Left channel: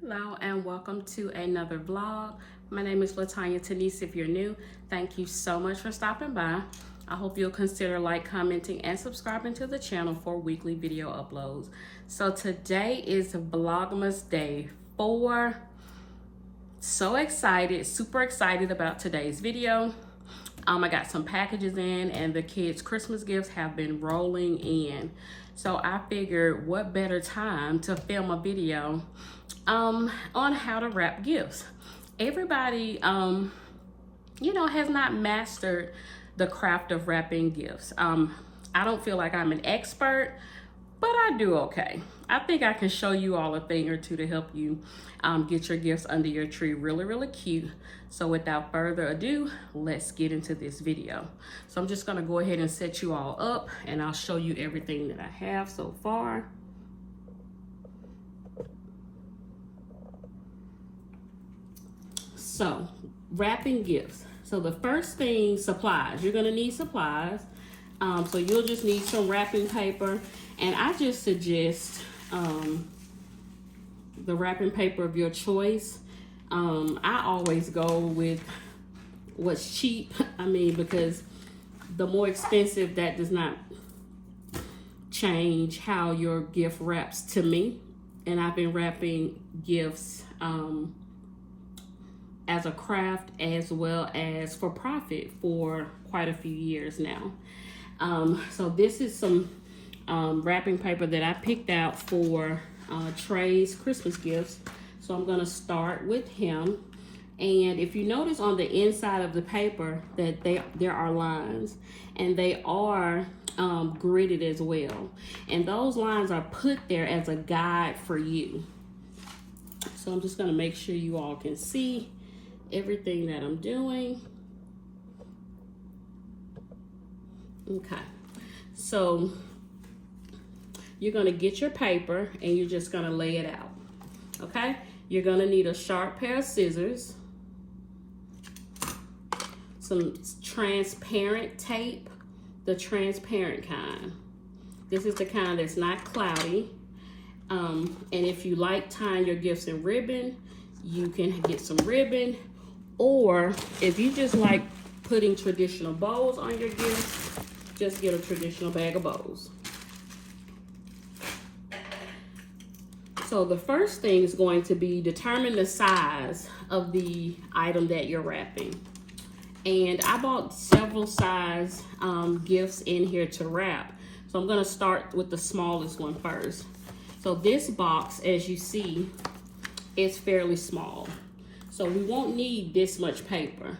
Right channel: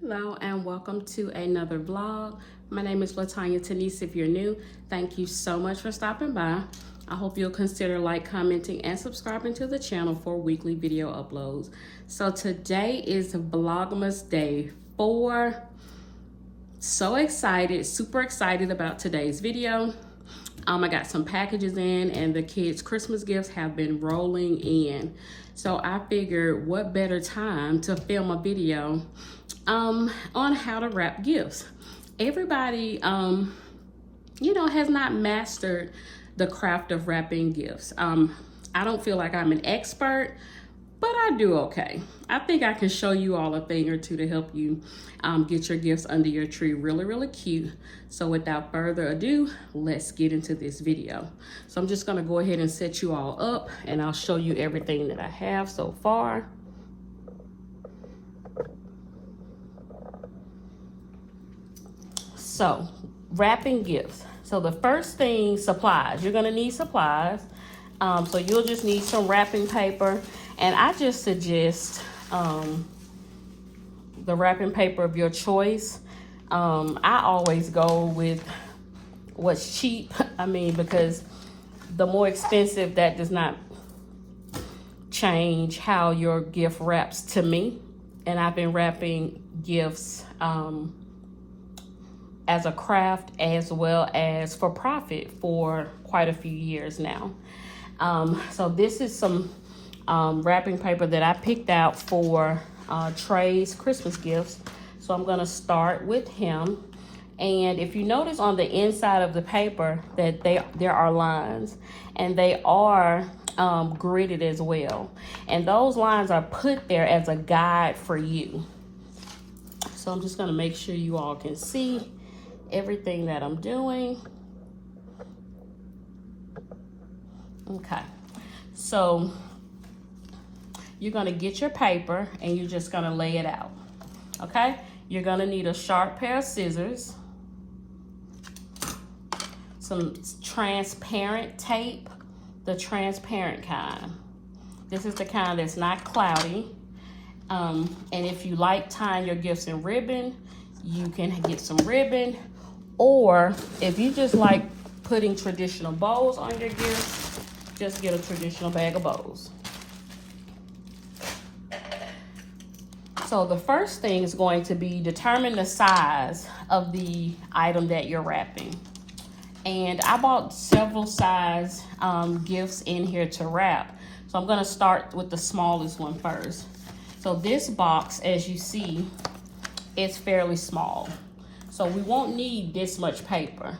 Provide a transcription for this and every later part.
Hello and welcome to another vlog. My name is Latanya Tanise. If you're new, thank you so much for stopping by. I hope you'll consider commenting, and subscribing to the channel for weekly video uploads. So today is VLOGMAS day 4. So excited, super excited about today's video. I got some packages in and the kids' Christmas gifts have been rolling in. So I figured what better time to film a video on how to wrap gifts. Everybody, has not mastered the craft of wrapping gifts. I don't feel like I'm an expert, but I do okay. I think I can show you all a thing or two to help you get your gifts under your tree really, really cute. So without further ado, let's get into this video. So I'm just gonna go ahead and set you all up and I'll show you everything that I have so far. So wrapping gifts. So the first thing, supplies. You're gonna need supplies. So you'll just need some wrapping paper. And I just suggest the wrapping paper of your choice. I always go with what's cheap. Because the more expensive, that does not change how your gift wraps to me. And I've been wrapping gifts as a craft as well as for profit for quite a few years now. So this is some wrapping paper that I picked out for Trey's Christmas gifts. So I'm gonna start with him. And if you notice on the inside of the paper that there are lines, and they are gridded as well. And those lines are put there as a guide for you. So I'm just gonna make sure you all can see everything that I'm doing. Okay, so you're gonna get your paper and you're just gonna lay it out, okay? You're gonna need a sharp pair of scissors, some transparent tape, the transparent kind. This is the kind that's not cloudy. And if you like tying your gifts in ribbon, you can get some ribbon. Or if you just like putting traditional bows on your gifts, just get a traditional bag of bows. So the first thing is going to be determine the size of the item that you're wrapping. And I bought several size gifts in here to wrap. So I'm gonna start with the smallest one first. So this box, as you see, is fairly small. So we won't need this much paper.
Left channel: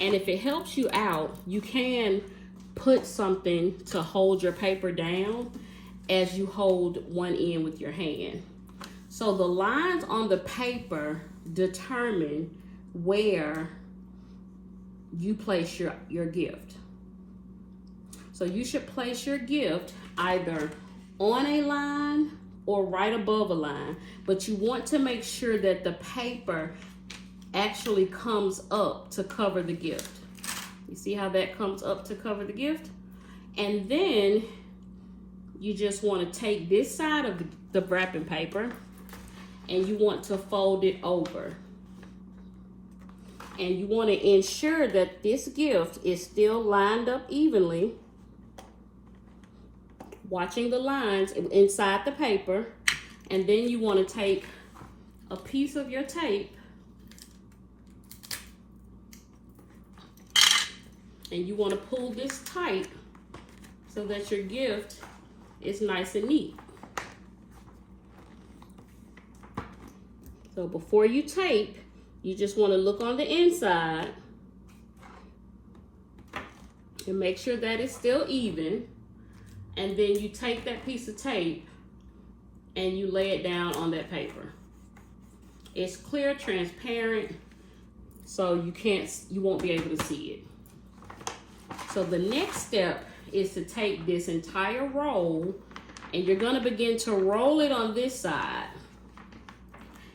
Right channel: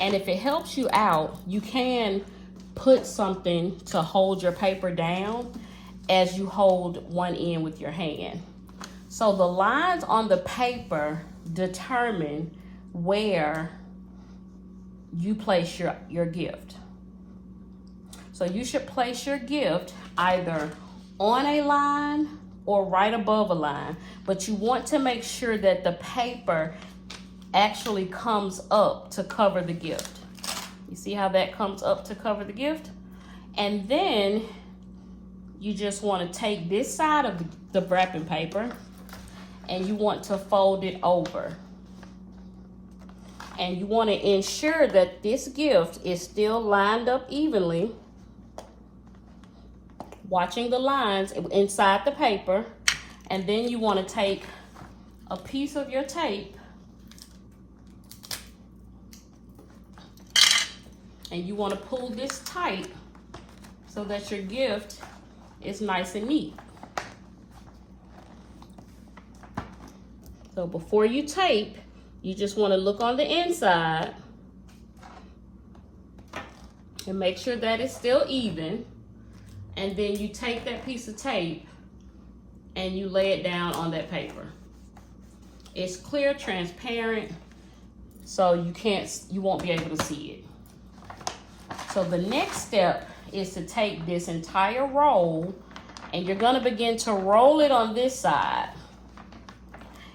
And if it helps you out, you can put something to hold your paper down as you hold one end with your hand. So the lines on the paper determine where you place your gift. So you should place your gift either on a line or right above a line, but you want to make sure that the paper actually comes up to cover the gift. You see how that comes up to cover the gift? And then you just want to take this side of the wrapping paper and you want to fold it over. And you want to ensure that this gift is still lined up evenly, watching the lines inside the paper. And then you want to take a piece of your tape and you want to pull this tight so that your gift is nice and neat. So before you tape, you just want to look on the inside and make sure that it's still even. And then you take that piece of tape and you lay it down on that paper. It's clear, transparent, so you won't be able to see it. So the next step is to take this entire roll and you're gonna begin to roll it on this side.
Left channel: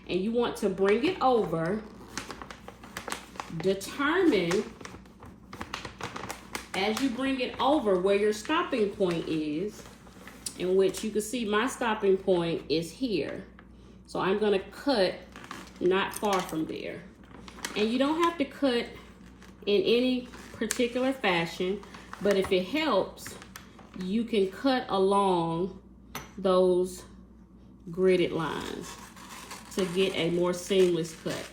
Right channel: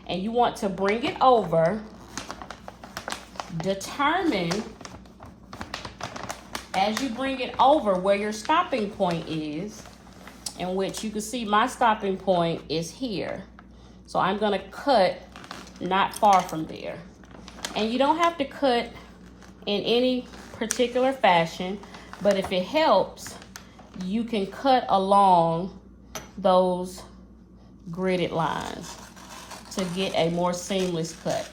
And you want to bring it over, determine as you bring it over where your stopping point is, in which you can see my stopping point is here. So I'm gonna cut not far from there. And you don't have to cut in any particular fashion, but if it helps, you can cut along those gridded lines to get a more seamless cut.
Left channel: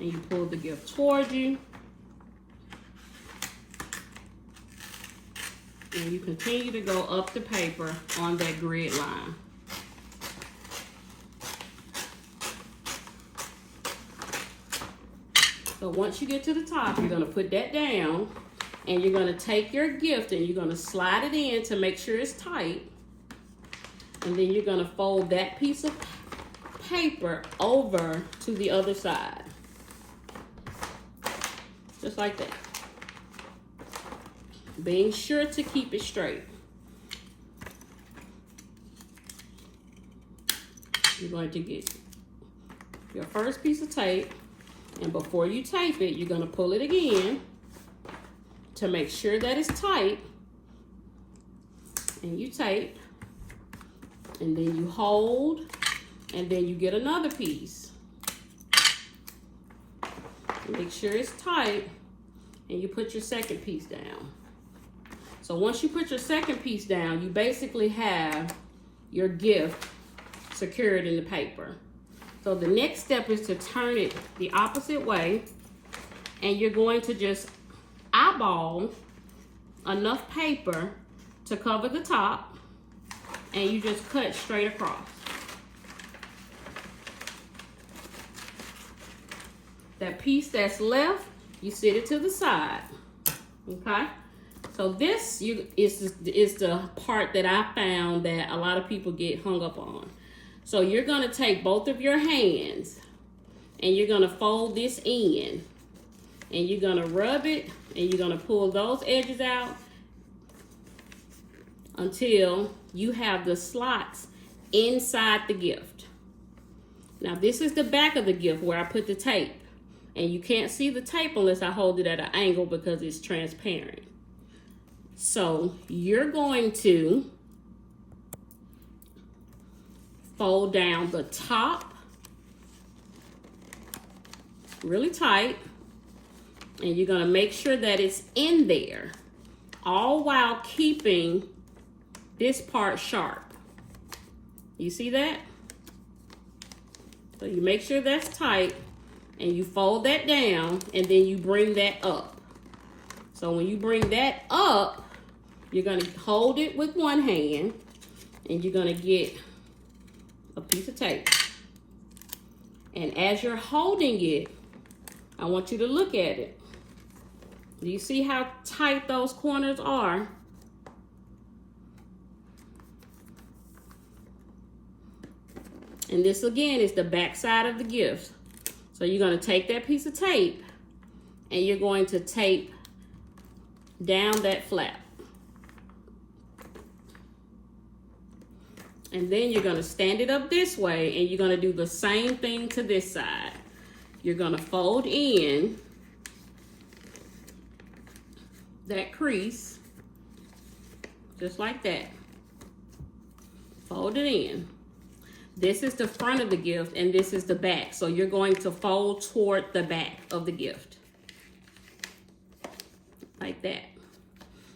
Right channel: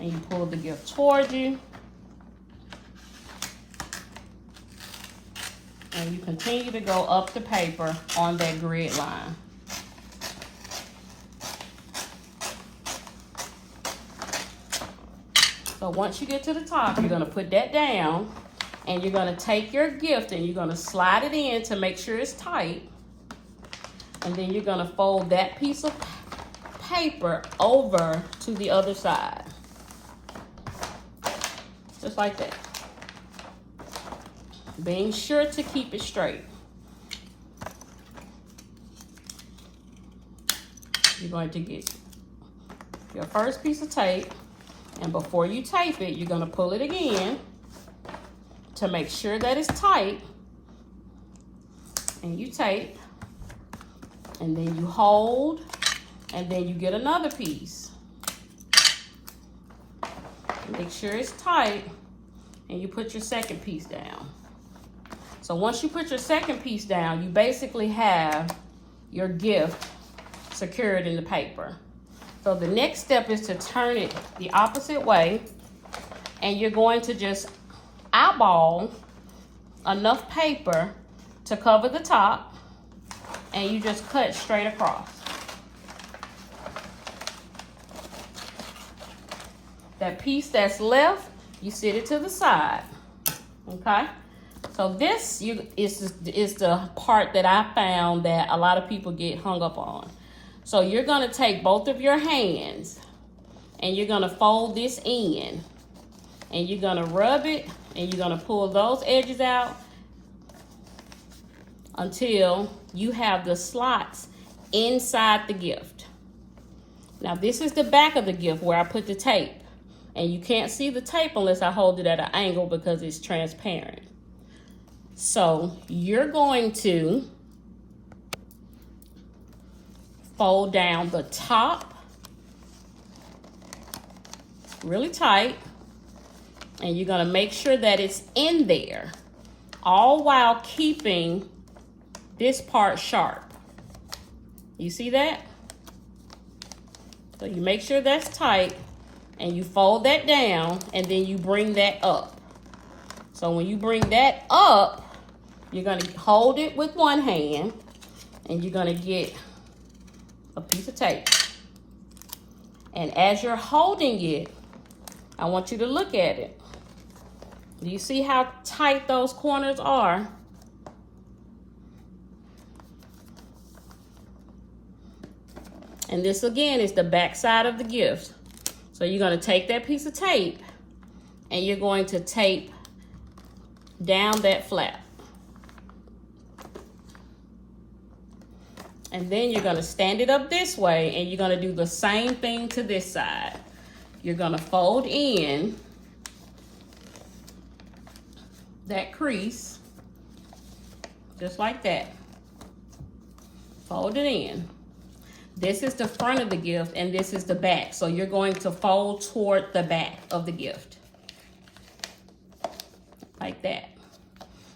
And you pull the gift towards you. And you continue to go up the paper on that grid line. So once you get to the top, you're going to put that down, and you're going to take your gift and you're going to slide it in to make sure it's tight. And then you're going to fold that piece of paper over to the other side. Just like that. Being sure to keep it straight. You're going to get your first piece of tape, and before you tape it, you're going to pull it again to make sure that it's tight. And you tape, and then you hold, and then you get another piece. Make sure it's tight, and you put your second piece down. So once you put your second piece down, you basically have your gift secured in the paper. So the next step is to turn it the opposite way, and you're going to just eyeball enough paper to cover the top, and you just cut straight across. That piece that's left, you sit it to the side, okay? So this is the part that I found that a lot of people get hung up on. So you're gonna take both of your hands and you're gonna fold this in, and you're gonna rub it, and you're gonna pull those edges out until you have the slots inside the gift. Now this is the back of the gift where I put the tape. And you can't see the tape unless I hold it at an angle because it's transparent. So you're going to fold down the top really tight, and you're going to make sure that it's in there, all while keeping this part sharp. You see that? So you make sure that's tight, and you fold that down, and then you bring that up. So when you bring that up, you're going to hold it with one hand, and you're going to get a piece of tape. And as you're holding it, I want you to look at it. Do you see how tight those corners are? And this again is the back side of the gift. So you're going to take that piece of tape and you're going to tape down that flap. And then you're going to stand it up this way, and you're going to do the same thing to this side. You're going to fold in that crease, just like that. Fold it in. This is the front of the gift, and this is the back. So you're going to fold toward the back of the gift, like that.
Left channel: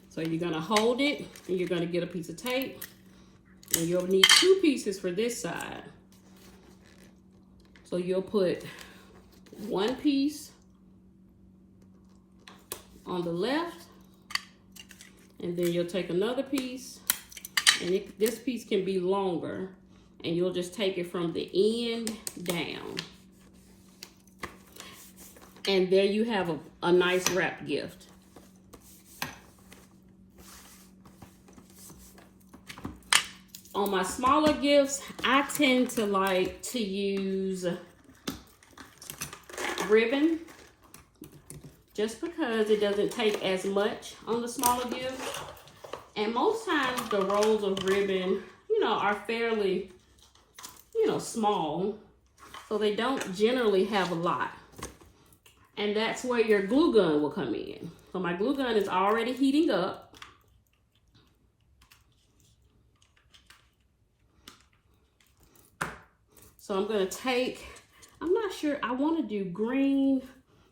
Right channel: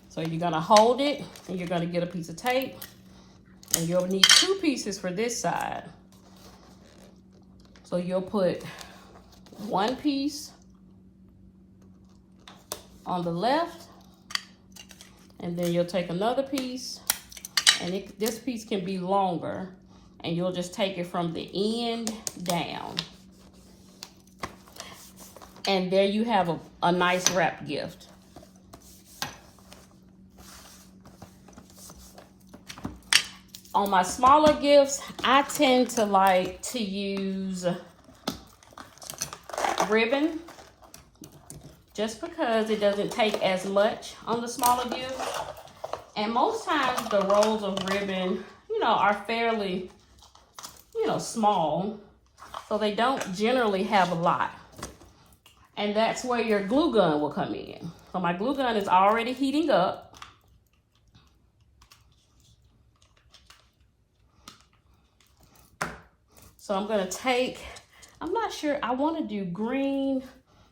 So you're going to hold it, and you're going to get a piece of tape, and you'll need 2 pieces for this side. So you'll put 1 piece on the left, and then you'll take another piece, and this piece can be longer, and you'll just take it from the end down. And there you have a nice wrap gift. On my smaller gifts, I tend to like to use ribbon, just because it doesn't take as much on the smaller gifts. And most times the rolls of ribbon, are fairly, small, so they don't generally have a lot. And that's where your glue gun will come in. So my glue gun is already heating up. So I'm gonna take, I'm not sure, I wanna do green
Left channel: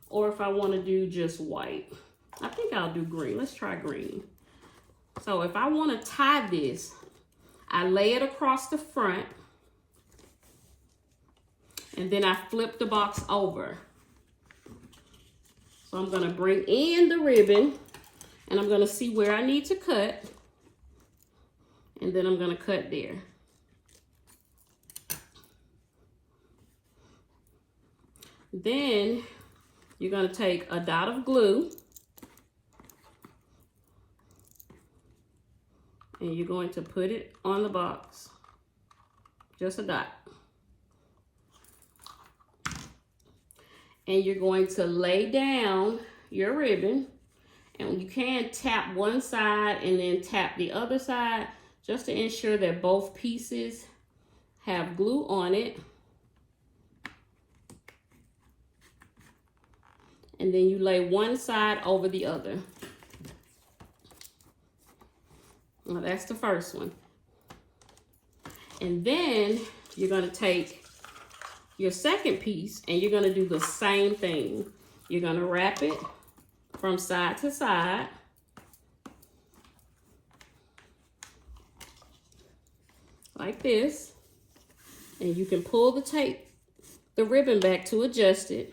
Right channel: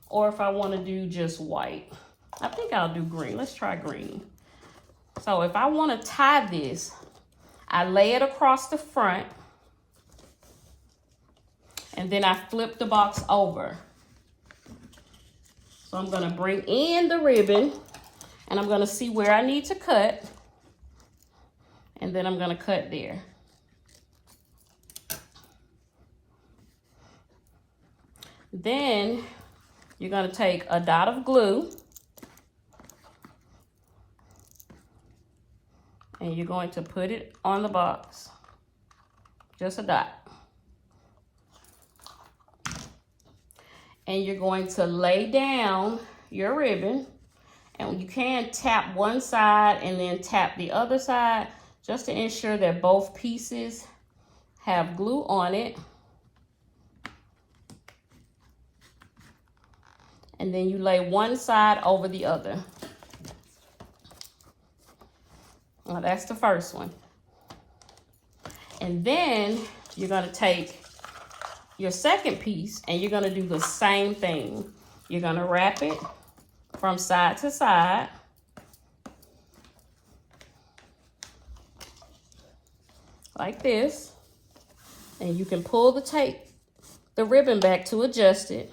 or if I wanna do just white. I think I'll do green. Let's try green. So if I wanna tie this, I lay it across the front and then I flip the box over. So I'm gonna bring in the ribbon and I'm gonna see where I need to cut. And then I'm gonna cut there. Then you're gonna take a dot of glue and you're going to put it on the box, just a dot. And you're going to lay down your ribbon, and you can tap one side and then tap the other side just to ensure that both pieces have glue on it. And then you lay one side over the other. Well, that's the first one. And then you're gonna take your second piece and you're gonna do the same thing. You're gonna wrap it from side to side. Like this. And you can pull the ribbon back to adjust it.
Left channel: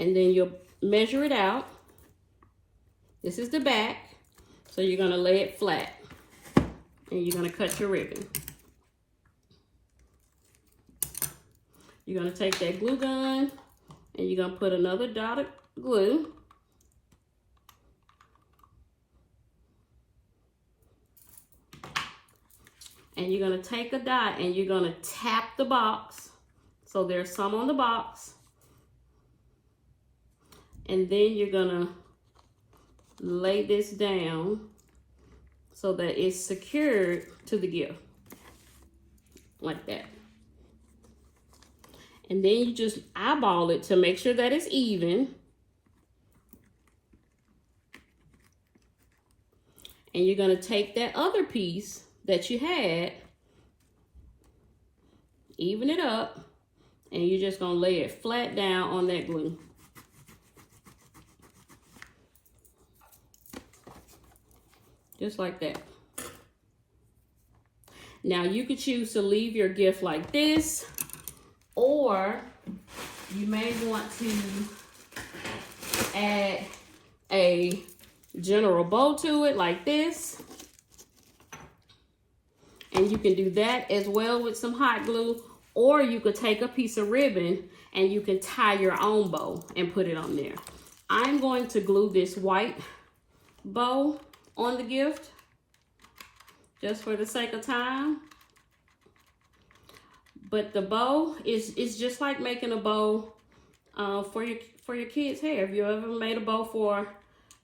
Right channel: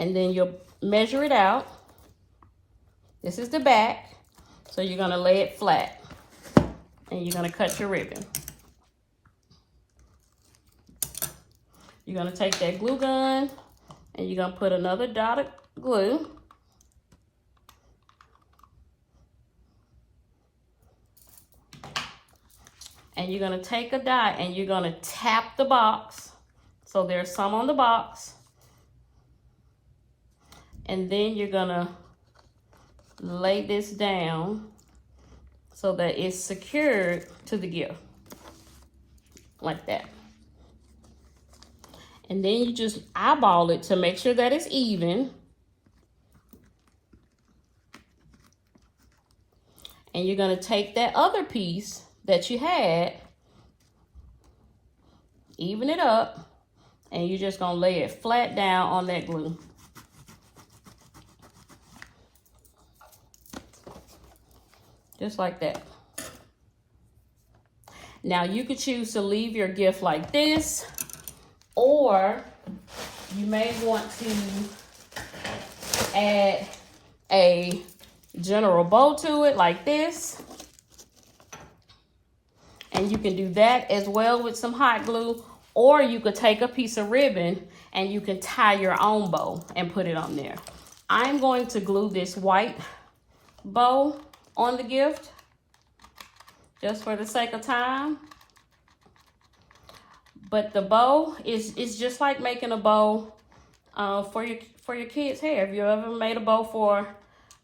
And then you'll measure it out. This is the back. So you're gonna lay it flat. And you're gonna cut your ribbon. You're gonna take that glue gun and you're gonna put another dot of glue. And you're gonna take a dot and you're gonna tap the box. So there's some on the box. And then you're gonna lay this down so that it's secured to the gift, like that. And then you just eyeball it to make sure that it's even. And you're gonna take that other piece that you had, even it up, and you're just gonna lay it flat down on that glue. Just like that. Now you could choose to leave your gift like this, or you may want to add a general bow to it like this. And you can do that as well with some hot glue, or you could take a piece of ribbon and you can tie your own bow and put it on there. I'm going to glue this white bow on the gift just for the sake of time. But the bow is just like making a bow for your kids' hair. Have you ever made a bow for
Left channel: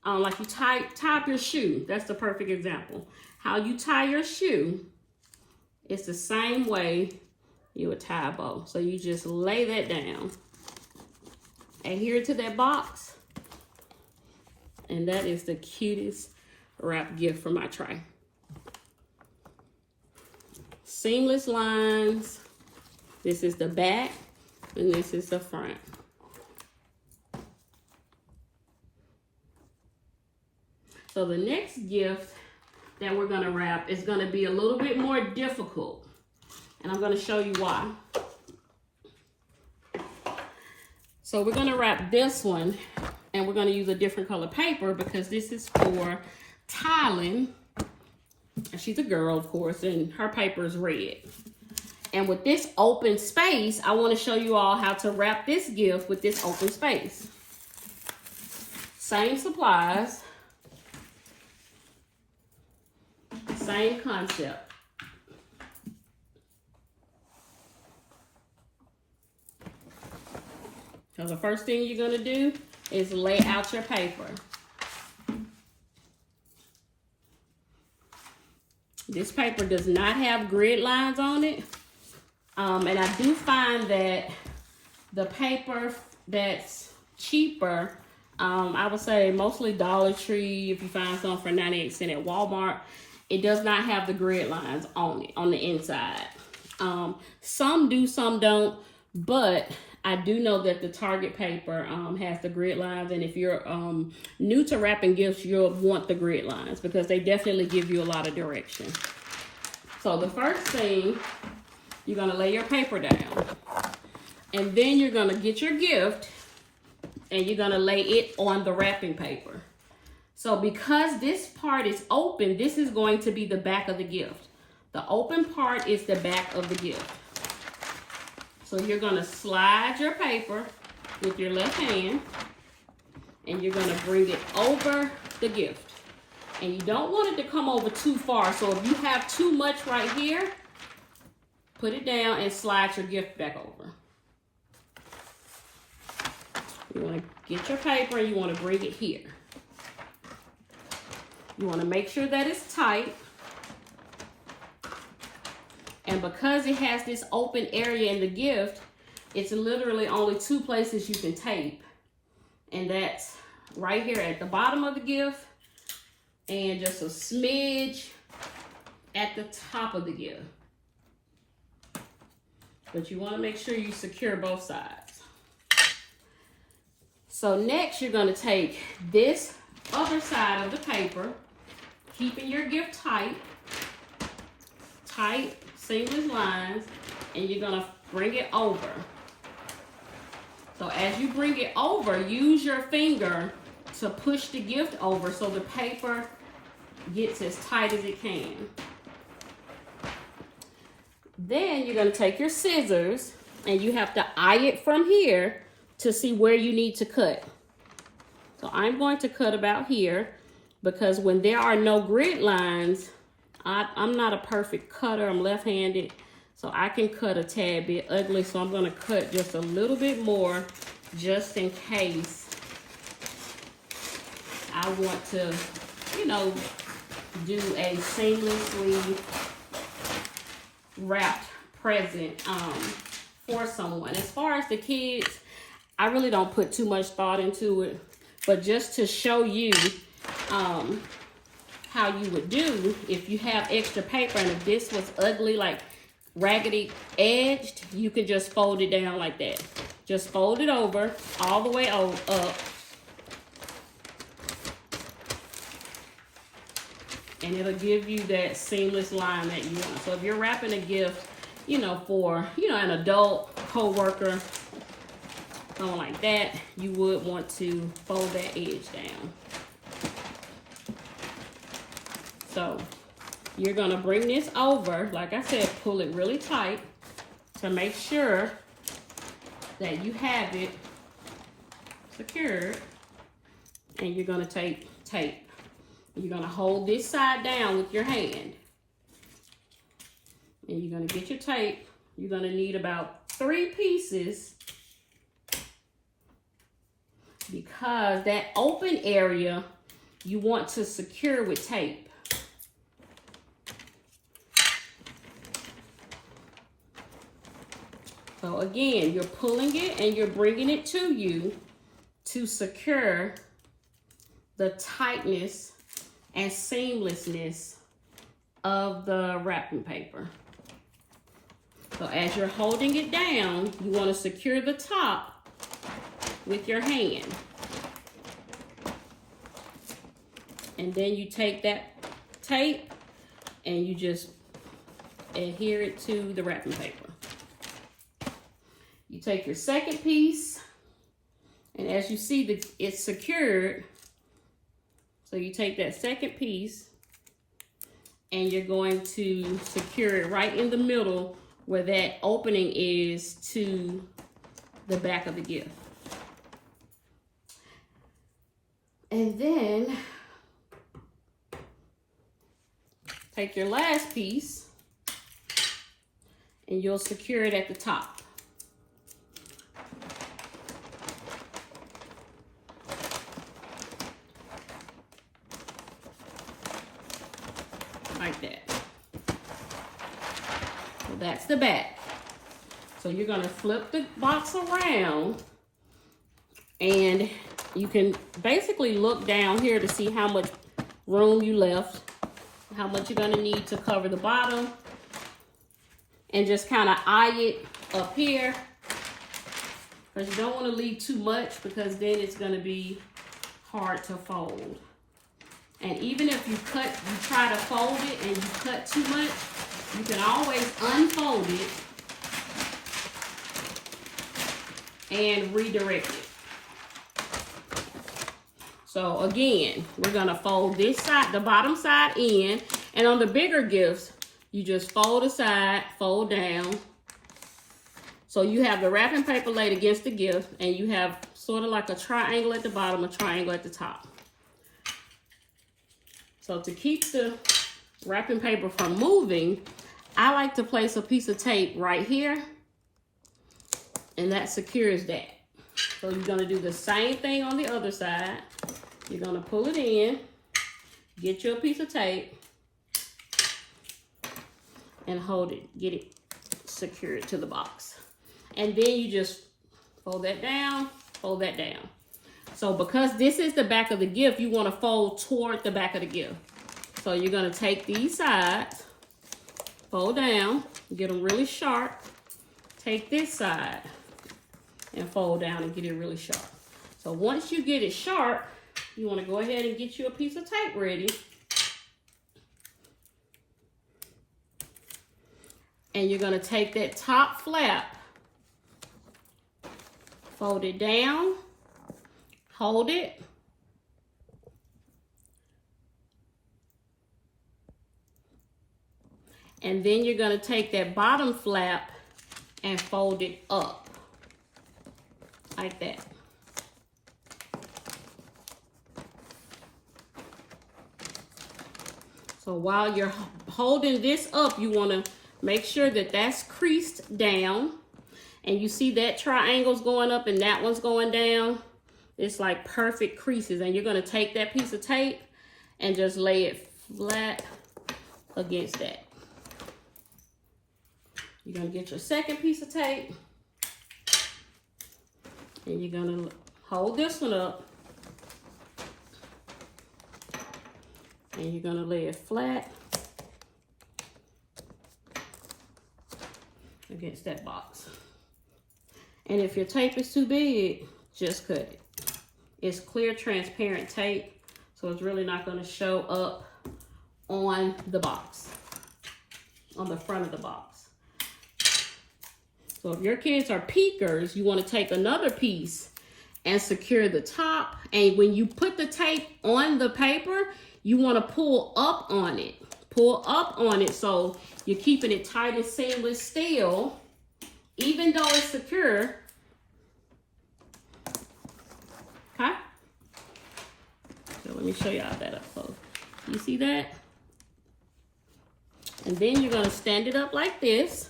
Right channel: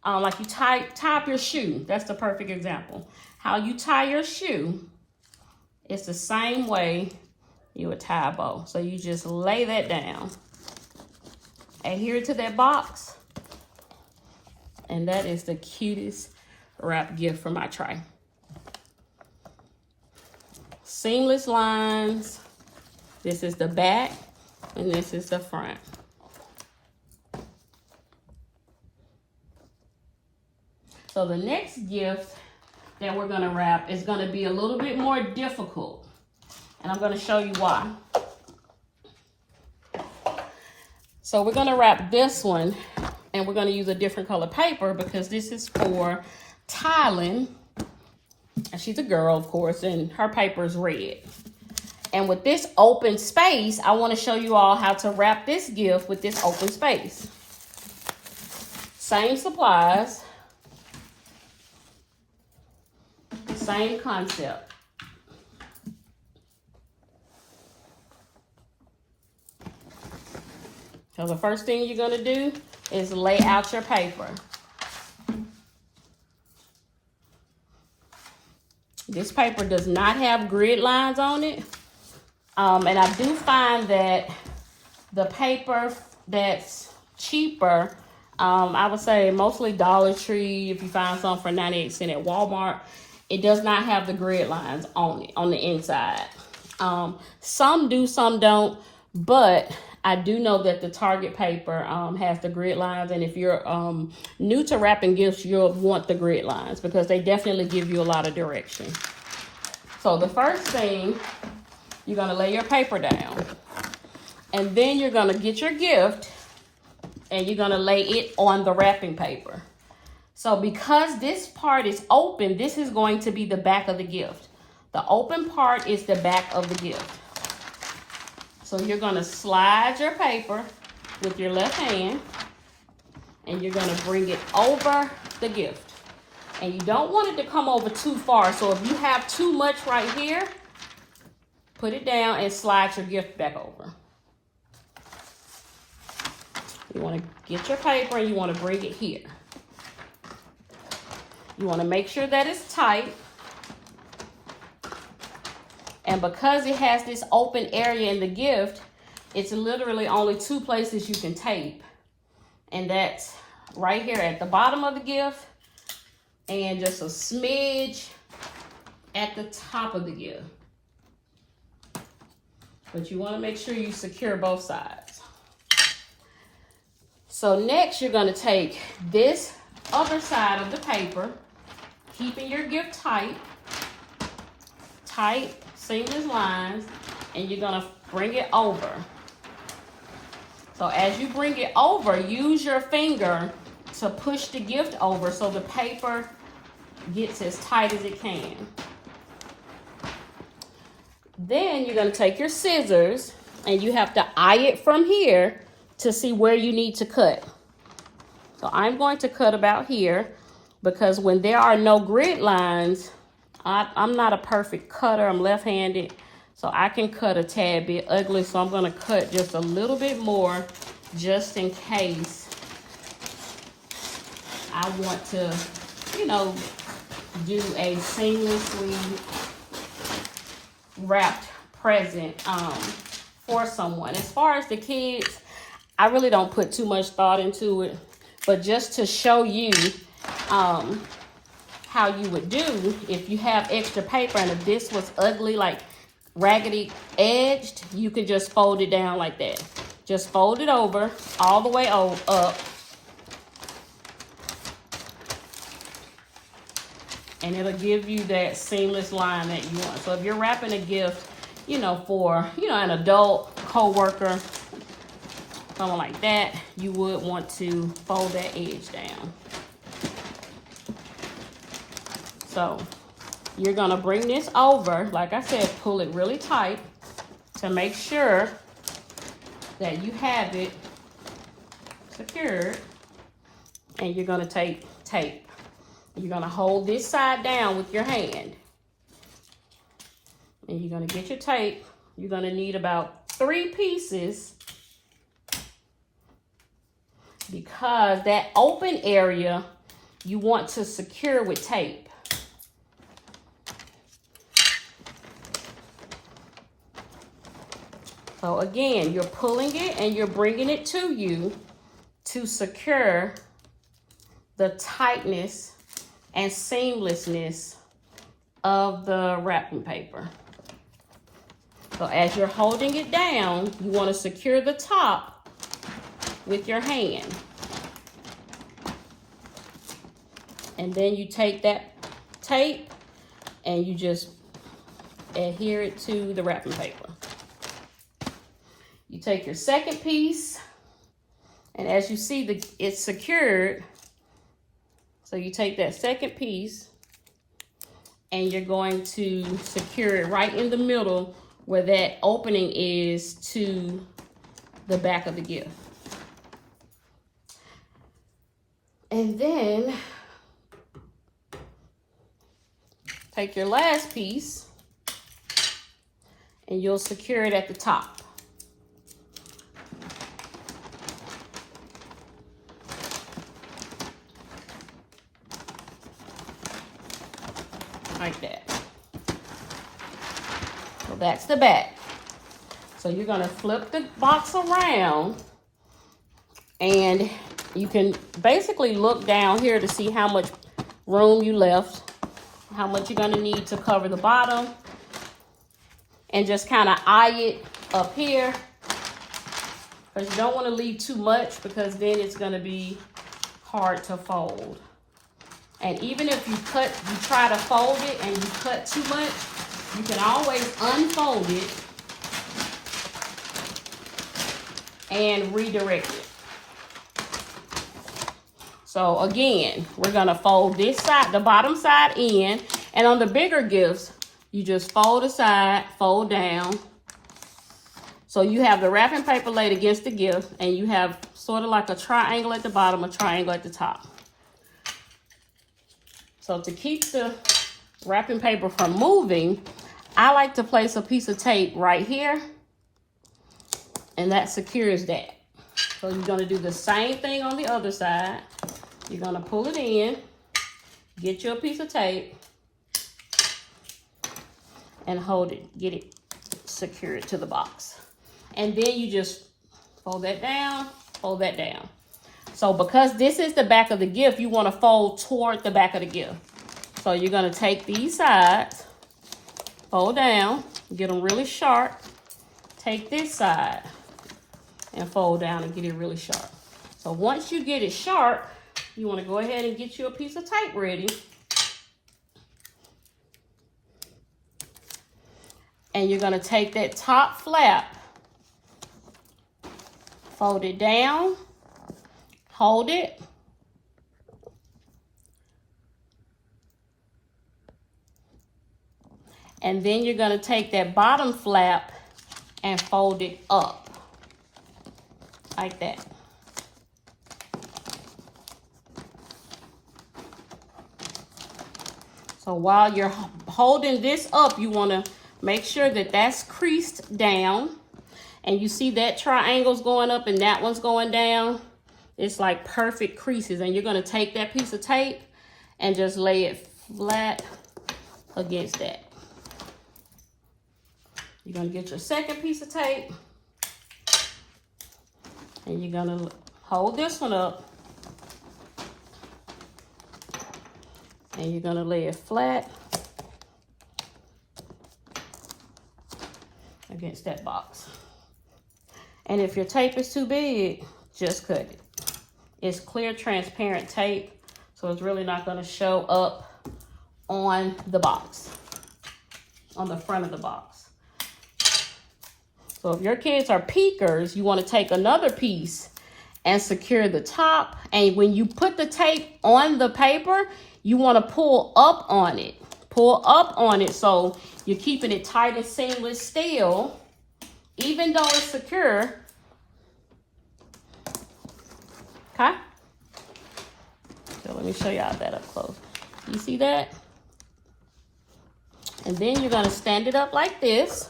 like you tie up your shoe? That's the perfect example. How you tie your shoe, it's the same way you would tie a bow. So you just lay that down, adhere to that box, and that is the cutest wrap gift for my tray. Seamless lines. This is the back and this is the front. So the next gift that we're gonna wrap is gonna be a little bit more difficult, and I'm gonna show you why. So we're gonna wrap this one, and we're gonna use a different color paper because this is for Tylen, and she's a girl, of course, and her paper is red. And with this open space, I want to show you all how to wrap this gift with this open space. Same supplies, same concept. So the first thing you're going to do is lay out your paper. This paper does not have grid lines on it. And I do find that the paper that's cheaper, I would say mostly Dollar Tree, if you find some for 98 cents at Walmart, it does not have the grid lines on it, on the inside. Some do, some don't, but I do know that the Target paper has the grid lines, and if you're new to wrapping gifts, you'll want the grid lines because they definitely give you a lot of direction. So the first thing, you're gonna lay your paper down, and then you're gonna get your gift and you're gonna lay it on the wrapping paper. So because this part is open, this is going to be the back of the gift. The open part is the back of the gift. So you're gonna slide your paper with your left hand and you're gonna bring it over the gift. And you don't want it to come over too far. So if you have too much right here, put it down and slide your gift back over. You wanna get your paper and you wanna bring it here. You wanna make sure that it's tight. And because it has this open area in the gift, it's literally only two places you can tape. And that's right here at the bottom of the gift and just a smidge at the top of the gift. But you want to make sure you secure both sides. So next you're going to take this other side of the paper, keeping your gift tight, seamless lines, and you're going to bring it over. So as you bring it over, use your finger to push the gift over so the paper gets as tight as it can. Then you're going to take your scissors and you have to eye it from here to see where you need to cut. So I'm going to cut about here because when there are no grid lines, I'm not a perfect cutter. I'm left-handed, so I can cut a tad bit ugly. So I'm going to cut just a little bit more just in case I want to, you know, do a seamlessly wrapped present for someone. As far as the kids, I really don't put too much thought into it, but just to show you how you would do if you have extra paper and if this was ugly, like raggedy edged, you could just fold it down like that. Just fold it over all the way up, and it'll give you that seamless line that you want. So if you're wrapping a gift, you know, for, you know, an adult co-worker, something like that, you would want to fold that edge down. So you're gonna bring this over, like I said, pull it really tight to make sure that you have it secured. And you're gonna take tape. You're gonna hold this side down with your hand. And you're gonna get your tape. You're gonna need about 3 pieces because that open area you want to secure with tape. So again, you're pulling it and you're bringing it to you to secure the tightness and seamlessness of the wrapping paper. So as you're holding it down, you want to secure the top with your hand. And then you take that tape and you just adhere it to the wrapping paper. You take your second piece, and as you see, it's secured. So you take that second piece, and you're going to secure it right in the middle where that opening is to the back of the gift. And then take your last piece, and you'll secure it at the top. Like that. So that's the back. So you're going to flip the box around and you can basically look down here to see how much room you left, how much you're going to need to cover the bottom. and just kind of eye it up here. But you don't want to leave too much because then it's going to be hard to fold. And even if you try to fold it and you cut too much, you can always unfold it and redirect it. So again, we're gonna fold this side, the bottom side in, and on the bigger gifts, you just fold aside, fold down. So you have the wrapping paper laid against the gift, and you have sort of like a triangle at the bottom, a triangle at the top. So to keep the wrapping paper from moving, I like to place a piece of tape right here, and that secures that. So you're gonna do the same thing on the other side. You're gonna pull it in, get you a piece of tape, and hold it, get it secured to the box. And then you just fold that down, fold that down. So because this is the back of the gift, you wanna fold toward the back of the gift. So you're gonna take these sides, fold down, get them really sharp. Take this side and fold down and get it really sharp. So once you get it sharp, you want to go ahead and get you a piece of tape ready. And you're going to take that top flap, fold it down, hold it, and then you're going to take that bottom flap and fold it up like that. So while you're holding this up, you want to make sure that that's creased down, and you see that triangle's going up and that one's going down. It's like perfect creases, and you're going to take that piece of tape and just lay it flat against that. You're going to get your second piece of tape, and you're going to hold this one up, and you're going to lay it flat against that box. And if your tape is too big, just cut it. It's clear, transparent tape, so it's really not going to show up on the box, on the front of the box. So if your kids are peekers, you want to take another piece and secure the top. And when you put the tape on the paper, you want to pull up on it. Pull up on it so you're keeping it tight and seamless still, even though it's secure. Okay? So let me show y'all that up close. You see that? And then you're going to stand it up like this.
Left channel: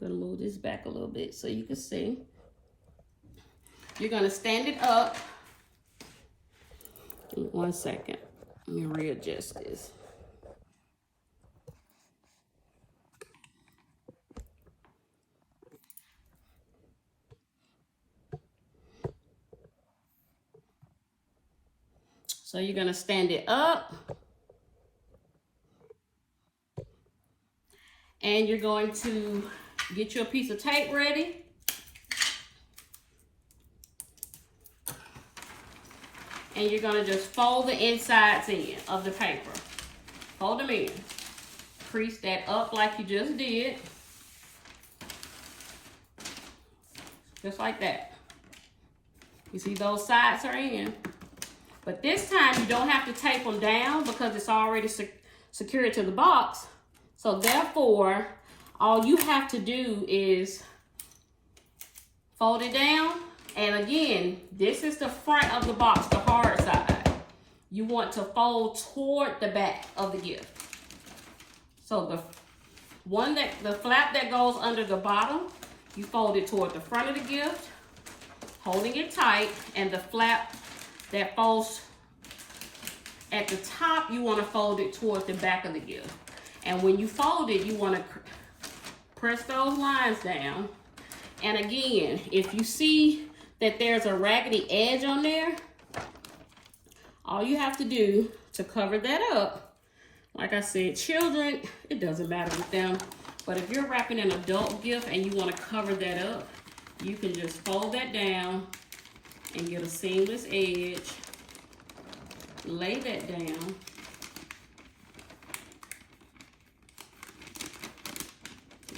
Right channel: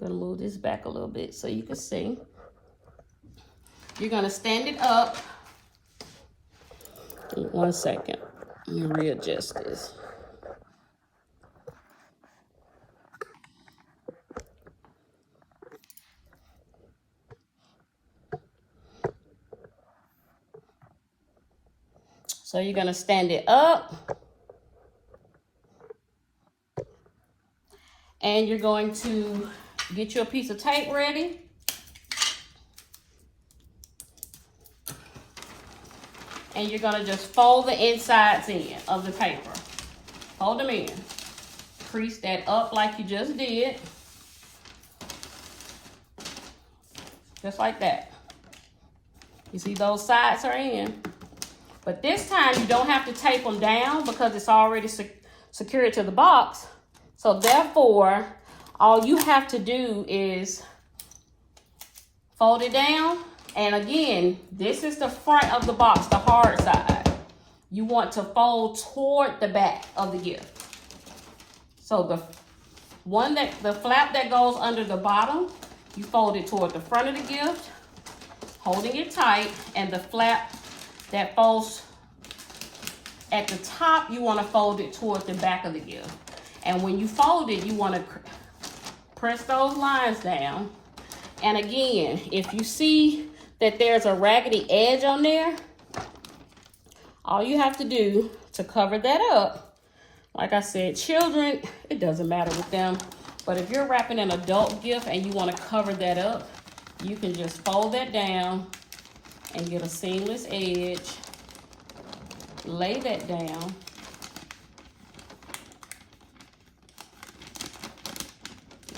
I'm going to move this back a little bit so you can see. You're going to stand it up. In 1 second. You readjust this. So you're going to stand it up. And you're going to get you a piece of tape ready. And you're going to just fold the insides in of the paper. Fold them in. Crease that up like you just did. Just like that. You see those sides are in. But this time you don't have to tape them down because it's already secured to the box. So therefore, all you have to do is fold it down. And again, this is the front of the box, the hard side. You want to fold toward the back of the gift. So the flap that goes under the bottom, you fold it toward the front of the gift, holding it tight, and the flap that falls at the top, you want to fold it toward the back of the gift. And when you fold it, you want to press those lines down. And again, if you see that there's a raggedy edge on there, all you have to do to cover that up, like I said, children, it doesn't matter with them, But if you're wrapping an adult gift and you want to cover that up, you can just fold that down and get a seamless edge. Lay that down.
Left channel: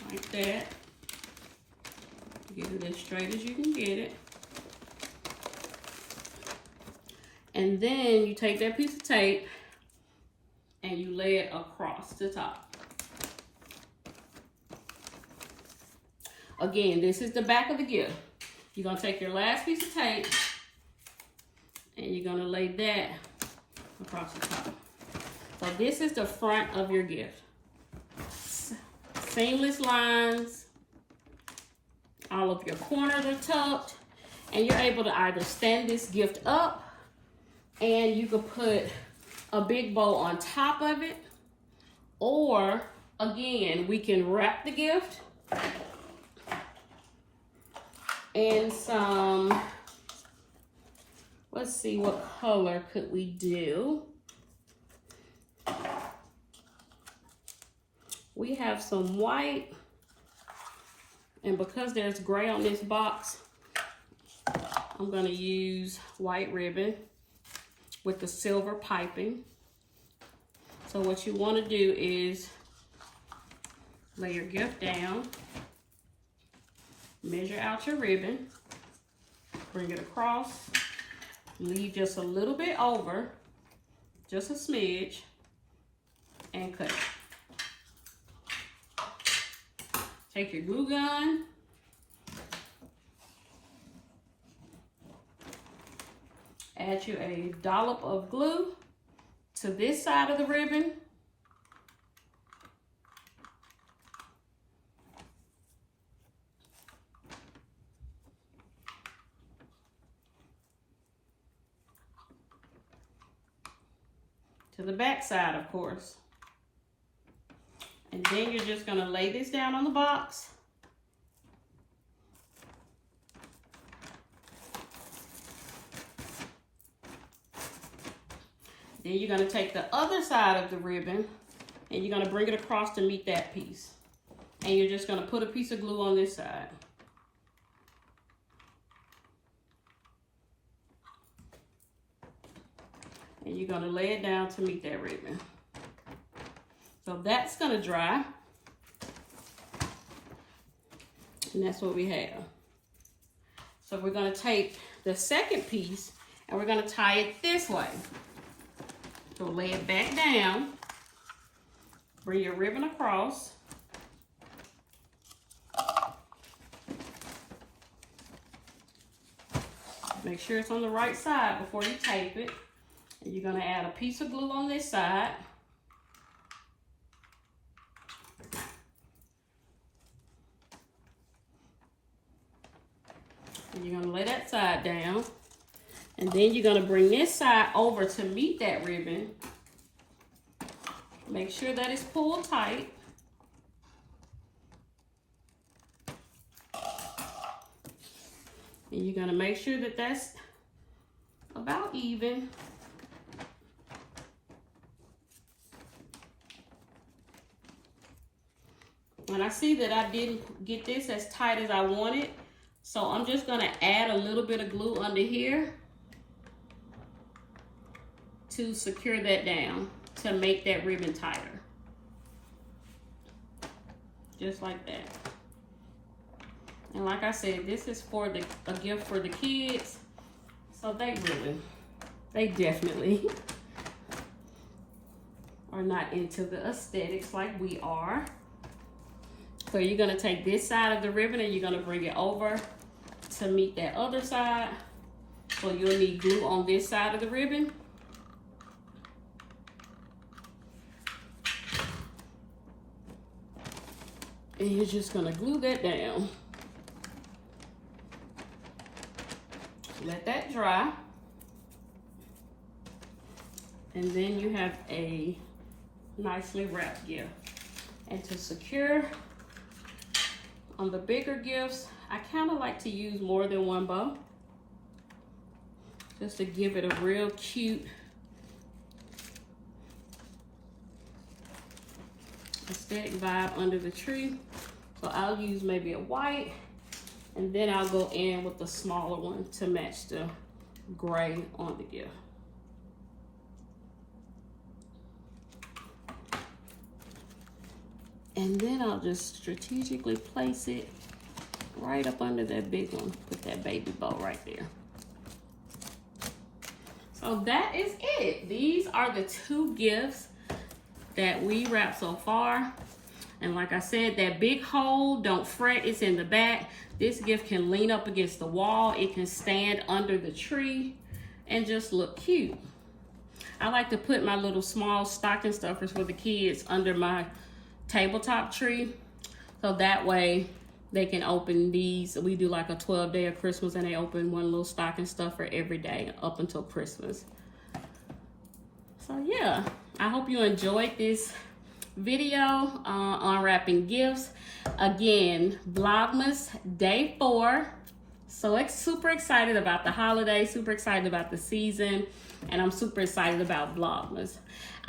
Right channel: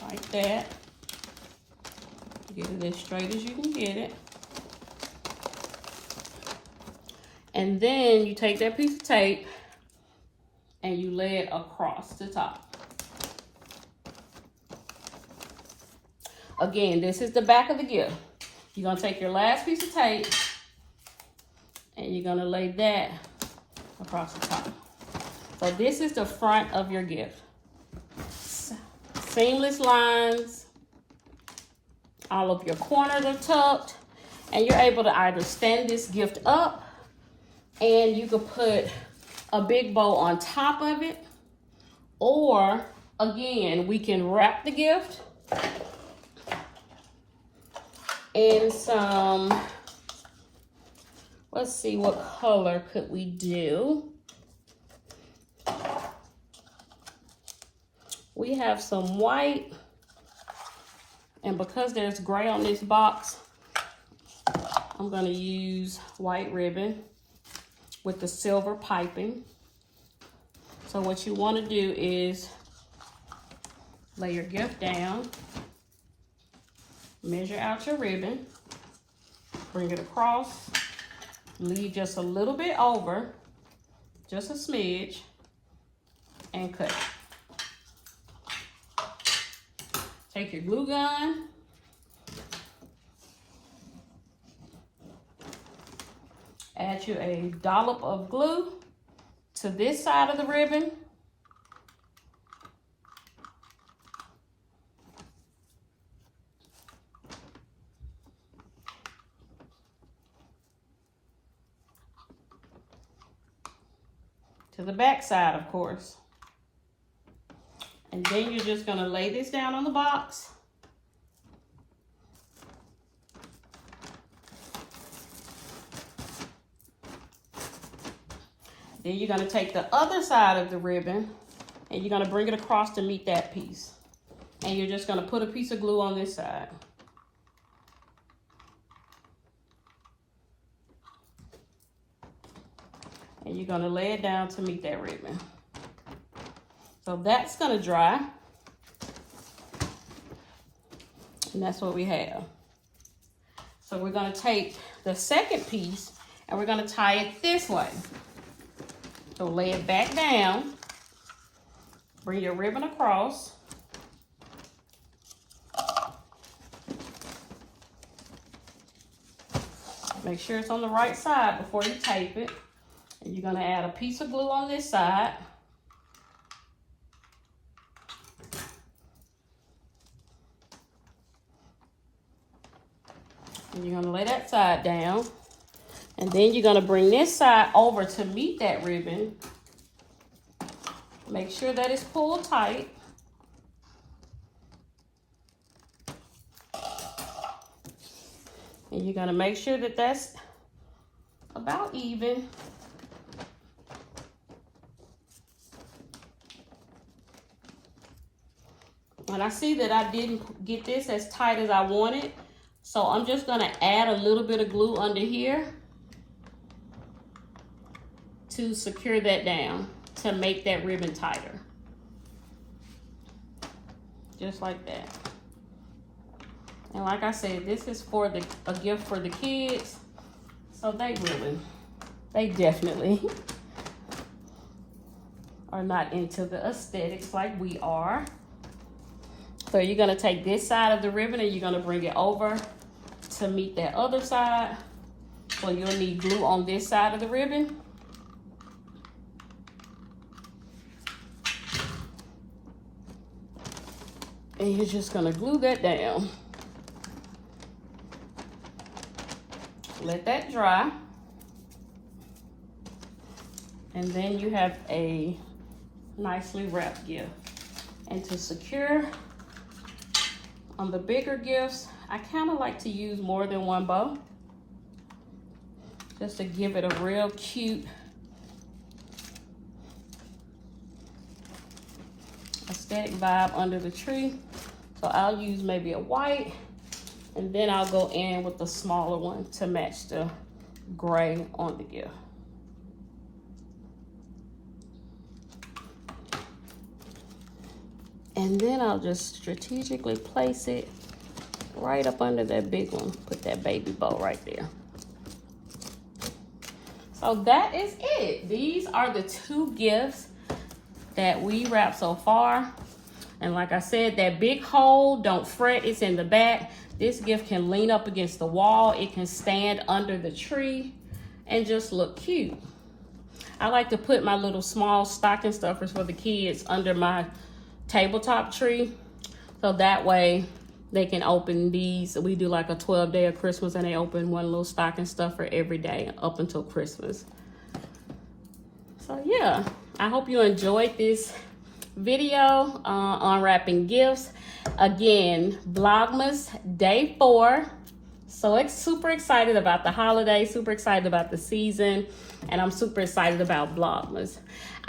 Like that. Get it as straight as you can get it. And then you take that piece of tape and you lay it across the top. Again, this is the back of the gift. You're gonna take your last piece of tape and you're gonna lay that across the top. So this is the front of your gift. Seamless lines. All of your corners are tucked. And you're able to either stand this gift up, and you could put a big bow on top of it, or again, we can wrap the gift in some, let's see, what color could we do? We have some white, and because there's gray on this box, I'm gonna use white ribbon with the silver piping. So what you wanna do is lay your gift down, measure out your ribbon, bring it across, leave just a little bit over, just a smidge, and cut it. Take your glue gun, add you a dollop of glue to this side of the ribbon. To the back side, of course. And then you're just gonna lay this down on the box. Then you're gonna take the other side of the ribbon and you're gonna bring it across to meet that piece. And you're just gonna put a piece of glue on this side. And you're gonna lay it down to meet that ribbon. So that's gonna dry. And that's what we have. So we're gonna take the second piece and we're gonna tie it this way. So lay it back down, bring your ribbon across. Make sure it's on the right side before you tape it. And you're gonna add a piece of glue on this side. And you're gonna lay that side down. And then you're gonna bring this side over to meet that ribbon. Make sure that it's pulled tight. And you're gonna make sure that that's about even. And I see that I didn't get this as tight as I wanted. So I'm just gonna add a little bit of glue under here to secure that down, to make that ribbon tighter. Just like that. And like I said, this is for a gift for the kids. So they definitely are not into the aesthetics like we are. So you're gonna take this side of the ribbon and you're gonna bring it over to meet that other side. So you'll need glue on this side of the ribbon. And you're just gonna glue that down. Let that dry. And then you have a nicely wrapped gift. And to secure on the bigger gifts, I kind of like to use more than one bow, just to give it a real cute aesthetic vibe under the tree. So I'll use maybe a white, and then I'll go in with the smaller one to match the gray on the gift. And then I'll just strategically place it right up under that big one. Put that baby bow right there. So that is it. These are the 2 gifts that we wrapped so far. And like I said, that big hole, don't fret, it's in the back. This gift can lean up against the wall. It can stand under the tree and just look cute. I like to put my little small stocking stuffers for the kids under my tabletop tree, so that way they can open these. We do like a 12-day of Christmas, and they open one little stocking stuffer every day up until Christmas. So yeah, I hope you enjoyed this video on wrapping gifts. Again, Vlogmas day 4. So super excited about the holiday, super excited about the season, and I'm super excited about Vlogmas.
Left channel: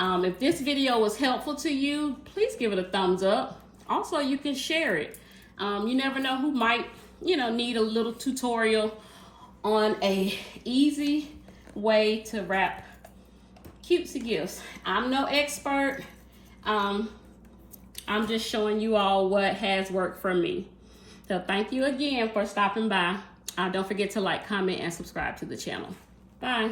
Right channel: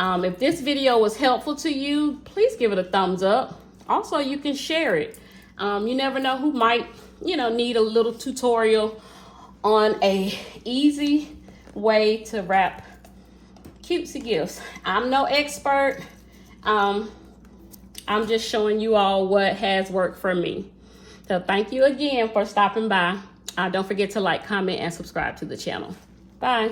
If this video was helpful to you, please give it a thumbs up. Also, you can share it. You never know who might, need a little tutorial on a easy way to wrap cutesy gifts. I'm no expert. I'm just showing you all what has worked for me. So thank you again for stopping by. Don't forget to like, comment, and subscribe to the channel. Bye.